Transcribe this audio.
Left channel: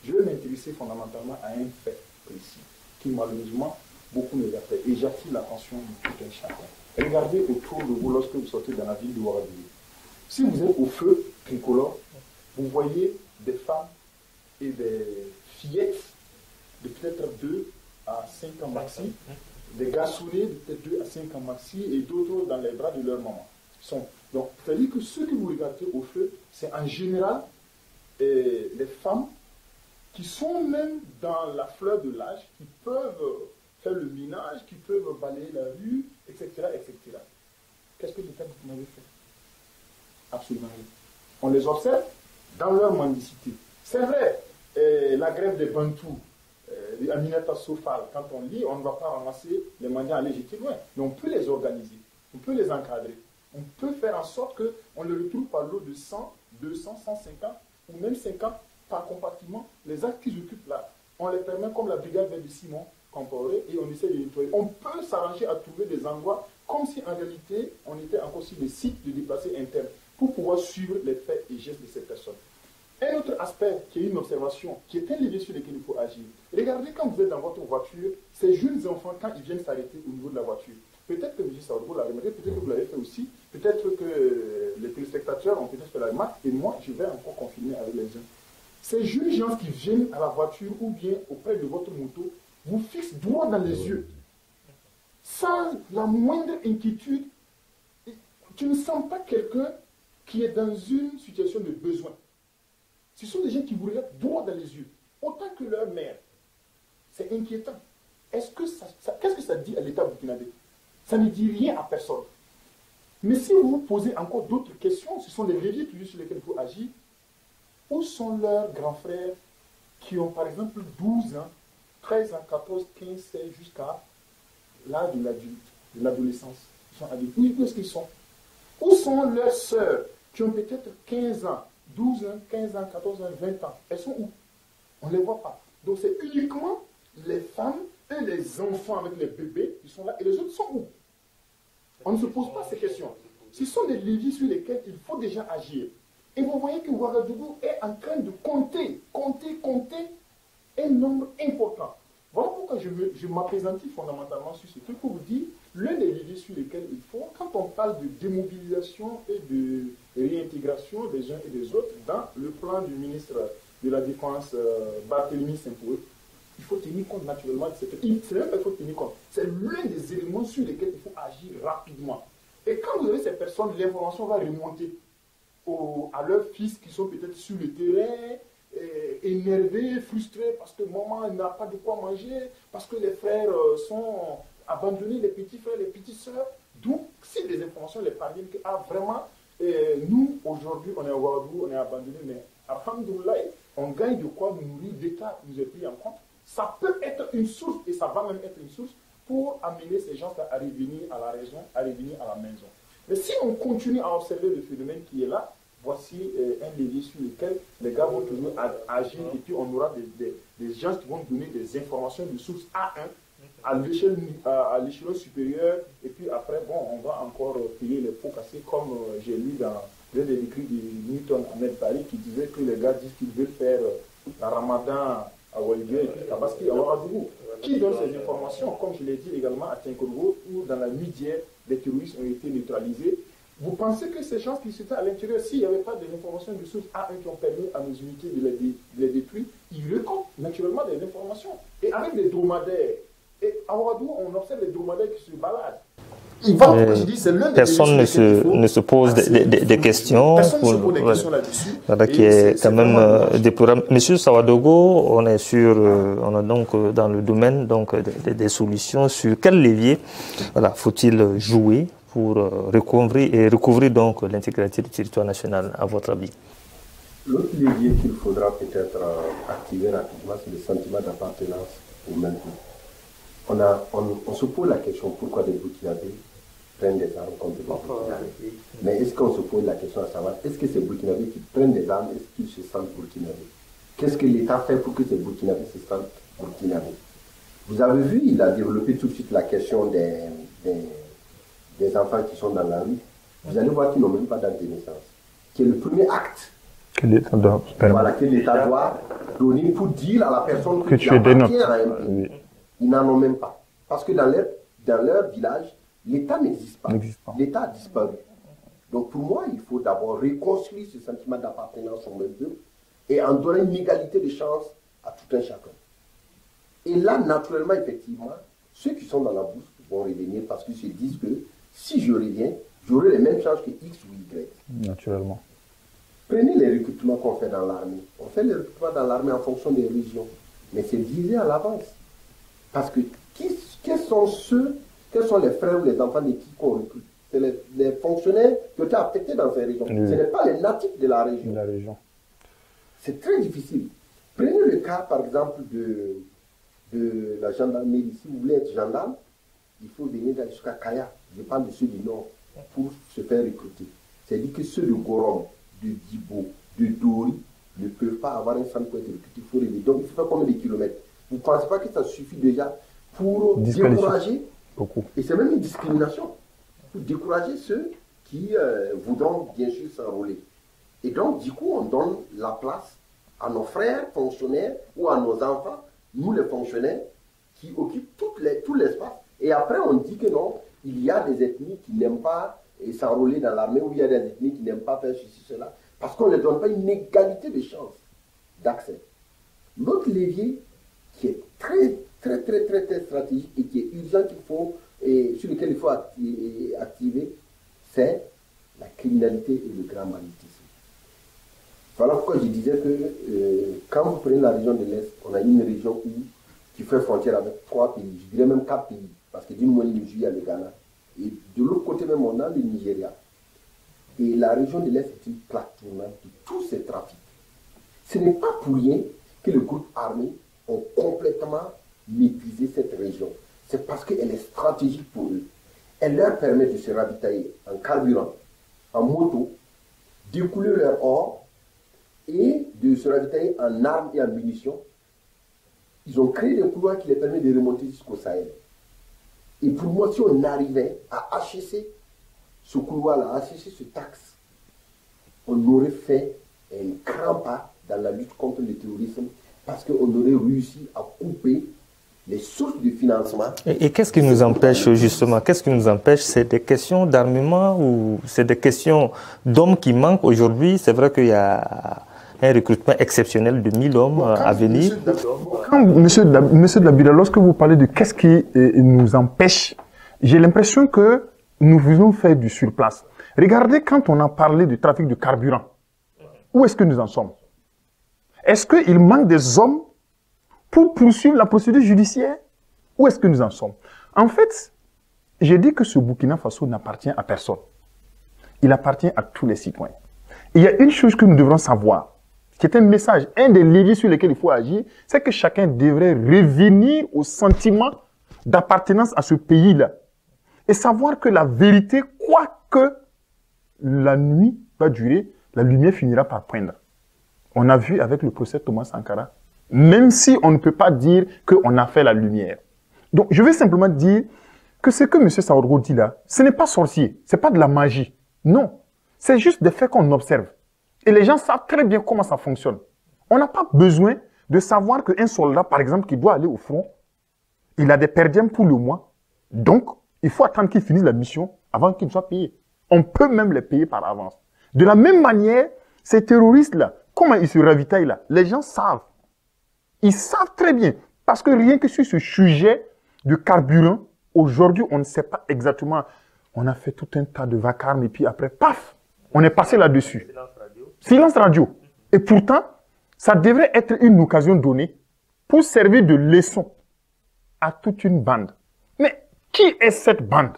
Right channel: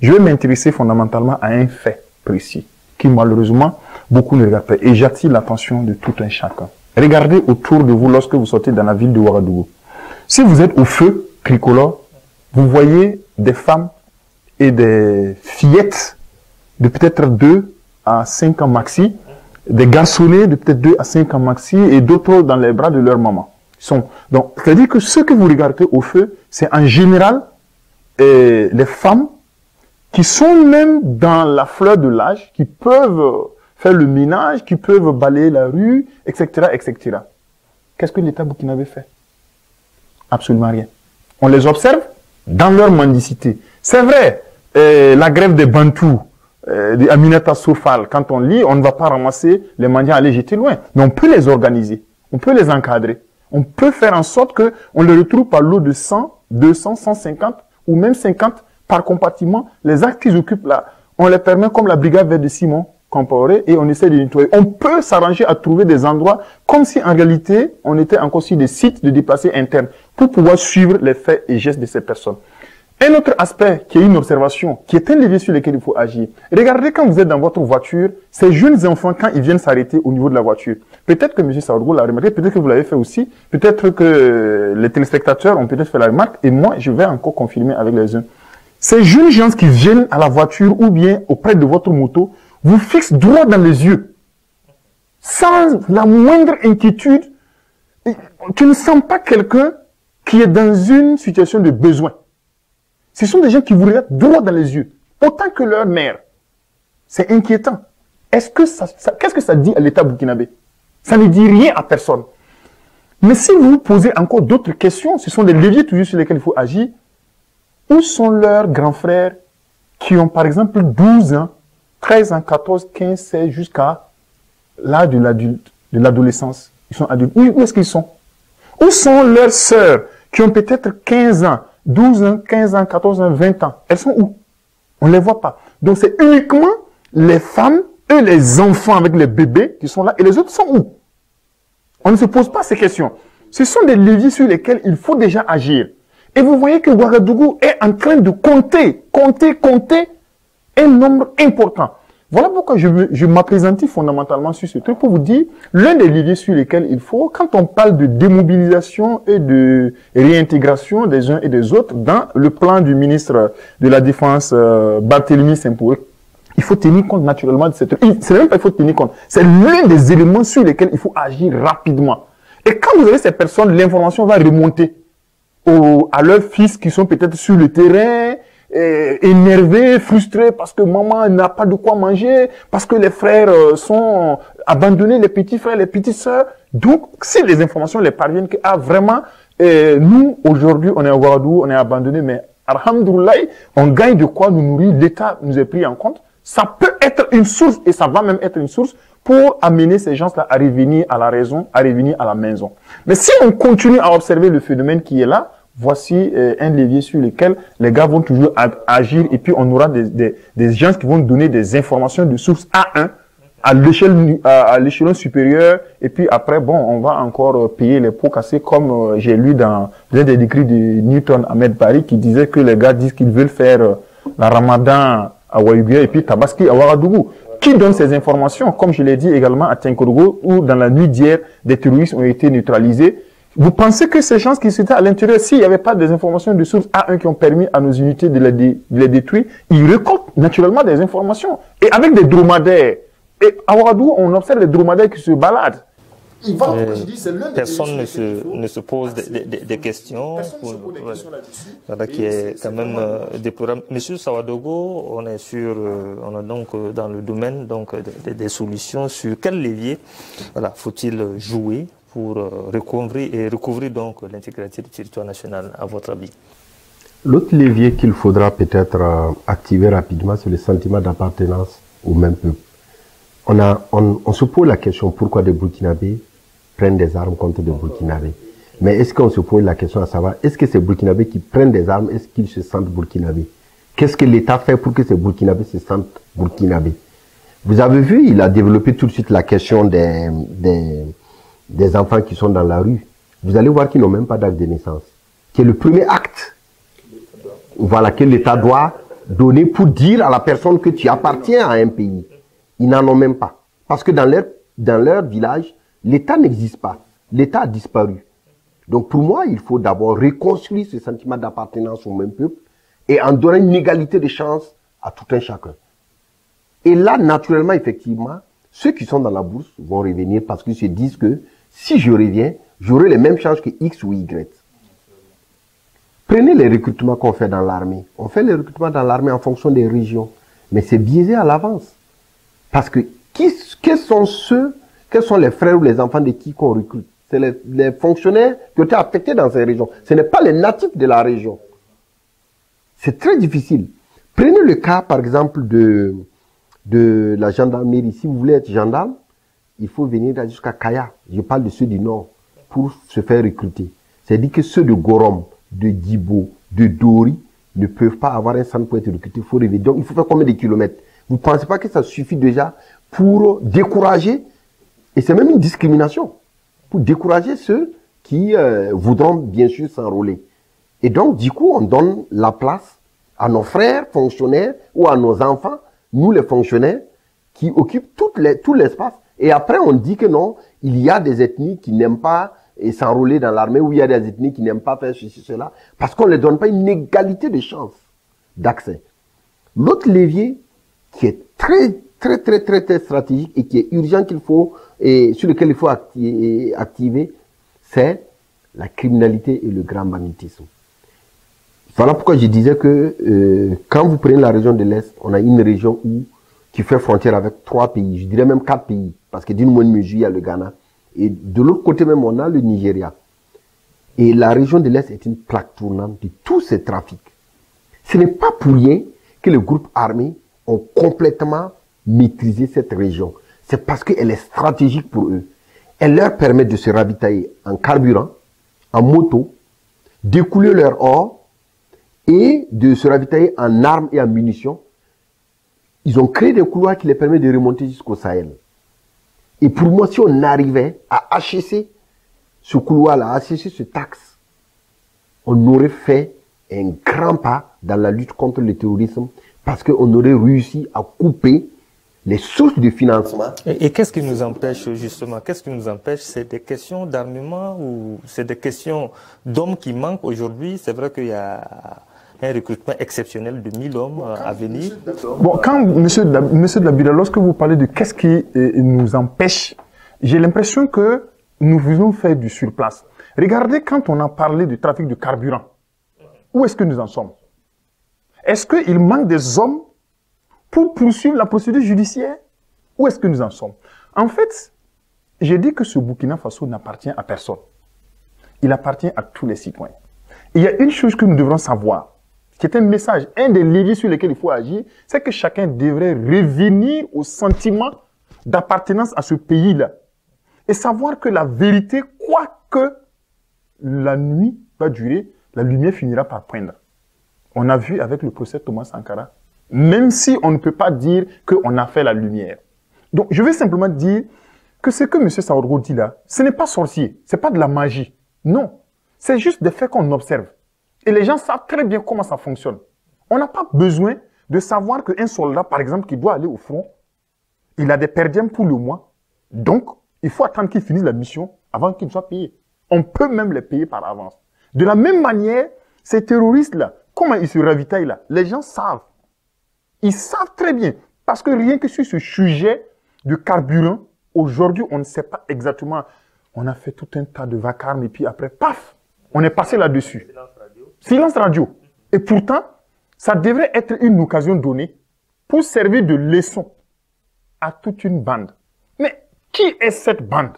Je vais m'intéresser fondamentalement à un fait précis qui malheureusement beaucoup ne regardent pas. Et j'attire l'attention de tout un chacun. Regardez autour de vous lorsque vous sortez dans la ville de Ouagadougou. Si vous êtes au feu tricolore, vous voyez des femmes et des fillettes de peut-être 2 à 5 ans maxi, des garçonnets de peut-être 2 à 5 ans maxi et d'autres dans les bras de leur maman. Donc, c'est-à-dire que ce que vous regardez au feu, c'est en général les femmes qui sont même dans la fleur de l'âge, qui peuvent faire le ménage, qui peuvent balayer la rue, etc., etc. Qu'est-ce que l'État burkinabé fait? Absolument rien. On les observe dans leur mendicité. C'est vrai, la grève des Bantous, de Aminata Sofal, quand on lit, on ne va pas ramasser les mendiants à les jeter loin. Mais on peut les organiser, on peut les encadrer. On peut faire en sorte qu'on les retrouve par lot de 100, 200, 150 ou même 50 par compartiment. Les actes qu'ils occupent là, on les permet comme la brigade verte de Simon Compaoré et on essaie de nettoyer. On peut s'arranger à trouver des endroits comme si en réalité on était encore sur des sites de déplacés internes pour pouvoir suivre les faits et gestes de ces personnes. Un autre aspect qui est une observation, qui est un levier sur lequel il faut agir. Regardez quand vous êtes dans votre voiture, ces jeunes enfants, quand ils viennent s'arrêter au niveau de la voiture, peut-être que M. Saoudou l'a remarqué, peut-être que vous l'avez fait aussi, peut-être que les téléspectateurs ont peut-être fait la remarque, et moi, je vais encore confirmer avec les uns. Ces jeunes gens qui viennent à la voiture ou bien auprès de votre moto, vous fixent droit dans les yeux, sans la moindre inquiétude. Tu ne sens pas quelqu'un qui est dans une situation de besoin. Ce sont des gens qui vous regardent droit dans les yeux, autant que leur mère. C'est inquiétant. Qu'est-ce que ça dit à l'État burkinabé? Ça ne dit rien à personne. Mais si vous vous posez encore d'autres questions, ce sont des leviers toujours sur lesquels il faut agir. Où sont leurs grands frères qui ont par exemple 12 ans, 13 ans, 14, 15, 16, jusqu'à l'âge de l'adolescence? Ils sont adultes. Où est-ce qu'ils sont? Où sont leurs sœurs qui ont peut-être 15 ans, 12 ans, 15 ans, 14 ans, 20 ans? Elles sont où? On ne les voit pas. Donc c'est uniquement les femmes et les enfants avec les bébés qui sont là. Et les autres sont où? On ne se pose pas ces questions. Ce sont des leviers sur lesquels il faut déjà agir. Et vous voyez que Ouagadougou est en train de compter un nombre important. Voilà pourquoi je m'appesantis fondamentalement sur ce truc pour vous dire l'un des leviers sur lesquels il faut, quand on parle de démobilisation et de réintégration des uns et des autres dans le plan du ministre de la Défense, Barthélemy Sempoué, il faut tenir compte naturellement de cette... C'est même pas il faut tenir compte, c'est l'un des éléments sur lesquels il faut agir rapidement. Et quand vous avez ces personnes, l'information va remonter à leurs fils qui sont peut-être sur le terrain, énervés, frustrés parce que maman n'a pas de quoi manger, parce que les frères sont abandonnés, les petits frères, les petites sœurs. Donc, si les informations les parviennent, que vraiment, nous, aujourd'hui, on est à Ouagadougou, on est abandonnés, mais alhamdoulilah, on gagne de quoi nous nourrir, l'État nous est pris en compte. Ça peut être une source, et ça va même être une source, pour amener ces gens-là à revenir à la raison, à revenir à la maison. Mais si on continue à observer le phénomène qui est là, voici un levier sur lequel les gars vont toujours agir et puis on aura des gens qui vont donner des informations de source A1 à l'échelon supérieur et puis après, bon, on va encore payer les pots cassés comme j'ai lu dans l'un des écrits de Newton Ahmed Bari qui disait que les gars disent qu'ils veulent faire la Ramadan à Ouagadougou et puis Tabaski à Ouagadougou. Qui donne ces informations? Comme je l'ai dit également à Tinkourgo où dans la nuit d'hier, des terroristes ont été neutralisés. Vous pensez que ces gens qui étaient à l'intérieur, s'il n'y avait pas des informations de source A1 qui ont permis à nos unités de les détruire, ils récoltent naturellement des informations. Et avec des dromadaires. Et à Ouagadougou, on observe des dromadaires qui se baladent. Personne ne se pose des questions. Personne ne se pose des questions là-dessus. Voilà, qui est quand même déplorable. Monsieur Sawadogo, on est donc dans le domaine donc des solutions. Sur quel levier faut-il jouer pour recouvrir donc l'intégrité du territoire national, à votre avis? L'autre levier qu'il faudra peut-être activer rapidement, c'est le sentiment d'appartenance au même peuple. On se pose la question pourquoi des Burkinabés prennent des armes contre des Burkinabés. Mais est-ce qu'on se pose la question à savoir, est-ce que ces Burkinabés qui prennent des armes, est-ce qu'ils se sentent Burkinabés? Qu'est-ce que l'État fait pour que ces Burkinabés se sentent Burkinabés? Vous avez vu, il a développé tout de suite la question des enfants qui sont dans la rue. Vous allez voir qu'ils n'ont même pas d'acte de naissance. Qui est le premier acte que l'État doit donné pour dire à la personne que tu appartiens à un pays. Ils n'en ont même pas. Parce que dans leur village, l'État n'existe pas. L'État a disparu. Donc pour moi, il faut d'abord reconstruire ce sentiment d'appartenance au même peuple et en donner une égalité de chances à tout un chacun. Et là, naturellement, effectivement, ceux qui sont dans la bourse vont revenir parce qu'ils se disent que si je reviens, j'aurai les mêmes chances que X ou Y. Naturellement. Prenez les recrutements qu'on fait dans l'armée. On fait les recrutements dans l'armée en fonction des régions. Mais c'est biaisé à l'avance. Parce que quels sont les frères ou les enfants de qui qu'on recrute? C'est les fonctionnaires qui ont été affectés dans ces régions. Oui. Ce n'est pas les natifs de la région. C'est très difficile. Prenez le cas, par exemple, de la gendarmerie. Si vous voulez être gendarme, il faut venir jusqu'à Kaya. Je parle de ceux du Nord pour se faire recruter. C'est-à-dire que ceux de Gorom, de Djibo, de Dori ne peuvent pas avoir un centre pour être recrutés. Il faut rêver. Donc, il faut faire combien de kilomètres? Vous ne pensez pas que ça suffit déjà pour décourager? Beaucoup. Et c'est même une discrimination. Pour décourager ceux qui voudront bien sûr s'enrôler. Et donc, du coup, on donne la place à nos frères fonctionnaires ou à nos enfants, nous les fonctionnaires, qui occupent tout l'espace. Et après, on dit que non, il y a des ethnies qui n'aiment pas s'enrôler dans l'armée, ou il y a des ethnies qui n'aiment pas faire ceci, cela, parce qu'on ne leur donne pas une égalité de chances d'accès. L'autre levier qui est très stratégique et qui est urgent et sur lequel il faut activer, c'est la criminalité et le grand banditisme. Voilà pourquoi je disais que quand vous prenez la région de l'Est, on a une région qui fait frontière avec 3 pays, je dirais même 4 pays, parce que d'une moindre mesure, il y a le Ghana. Et de l'autre côté même, on a le Nigeria. Et la région de l'Est est une plaque tournante de tous ces trafics. Ce n'est pas pour rien que les groupes armés ont complètement maîtrisé cette région. C'est parce qu'elle est stratégique pour eux. Elle leur permet de se ravitailler en carburant, en moto, d'écouler leur or et de se ravitailler en armes et en munitions. Ils ont créé des couloirs qui les permettent de remonter jusqu'au Sahel. Et pour moi, si on arrivait à acheter ce couloir-là, à acheter ce taxe, on aurait fait un grand pas dans la lutte contre le terrorisme parce qu'on aurait réussi à couper les sources de financement. Et qu'est-ce qui nous empêche justement? Qu'est-ce qui nous empêche? C'est des questions d'armement ou c'est des questions d'hommes qui manquent aujourd'hui? C'est vrai qu'il y a un recrutement exceptionnel de 1000 hommes à venir. Bon, quand monsieur Dabila, lorsque vous parlez de qu'est-ce qui nous empêche, j'ai l'impression que nous voulons faire du surplace. Regardez quand on a parlé du trafic de carburant. Où est-ce que nous en sommes? Est-ce qu'il manque des hommes pour poursuivre la procédure judiciaire? Où est-ce que nous en sommes? En fait, j'ai dit que ce Burkina Faso n'appartient à personne. Il appartient à tous les citoyens. Il y a une chose que nous devrons savoir, qui est un message, un des leviers sur lesquels il faut agir, c'est que chacun devrait revenir au sentiment d'appartenance à ce pays-là. Et savoir que la vérité, quoi que la nuit va durer, la lumière finira par poindre. On a vu avec le procès Thomas Sankara, même si on ne peut pas dire qu'on a fait la lumière. Donc, je vais simplement dire que ce que M. Saoudrou dit là, ce n'est pas sorcier, ce n'est pas de la magie. Non, c'est juste des faits qu'on observe. Et les gens savent très bien comment ça fonctionne. On n'a pas besoin de savoir qu'un soldat, par exemple, qui doit aller au front, il a des perdièmes pour le mois. Donc, il faut attendre qu'il finisse la mission avant qu'il soit payé. On peut même les payer par avance. De la même manière, ces terroristes-là, comment ils se ravitaillent là? Les gens savent. Ils savent très bien. Parce que rien que sur ce sujet de carburant, aujourd'hui, on ne sait pas exactement. On a fait tout un tas de vacarmes et puis après, paf, on est passé là-dessus. Silence radio. Et pourtant, ça devrait être une occasion donnée pour servir de leçon à toute une bande. Mais qui est cette bande?